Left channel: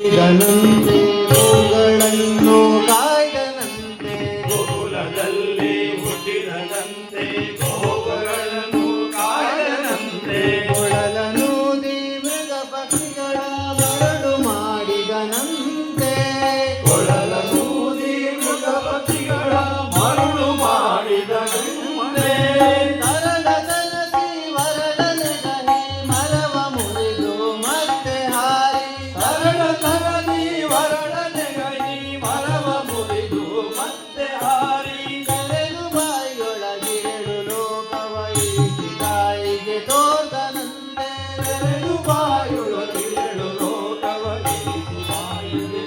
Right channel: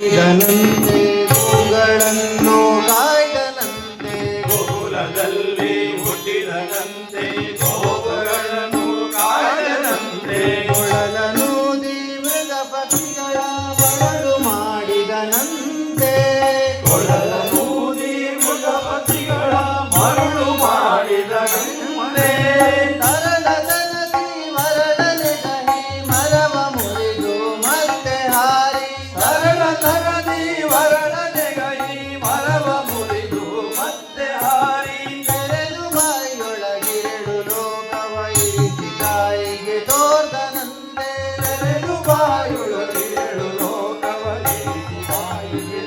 ಇದನಂತೆ ಗೋಗಳನ್ನು ಕಾಯ್ದನಂತೆ ಗೋಲದಲ್ಲಿ ಹುಟ್ಟಿದನಂತೆ ಗೋಗಳನ್ನು ಕಾಯ್ದನಂತೆ ಕೊಳಲನೂದಿ ಮೃಗ ಪಕ್ಷಿಗಳ ಮರಳು ಮಾಡಿದನಂತೆ ಕೊಳಲನೂದಿ ಮೃಗ ಪಕ್ಷಿಗಳ ಮರಳು ಮಾಡಿದನಂತೆ ತರಳದನಸಿ ಮರಳನೆ ಕಹಿ ಮರವ ಮುರಿದು ಮತ್ತೆ ಹಾರಿ ತರಳದಿ ವರಳನೆಗೈ ಮರವ ಮುರಿದು ಮತ್ತೆ ಹಾರಿ ತೆರೆದು ಬಾಯಿಯೊಳಗೇಳು ಲೋಕವ ಇರಿಸಿ ತಾಯಿಗೆ ತೋರ್ದನಂತೆ ತೆರೆದು ಬಾಯೊಳಗೇಳು ಲೋಕವನಿಸಿ ತಾಯಿಗೆ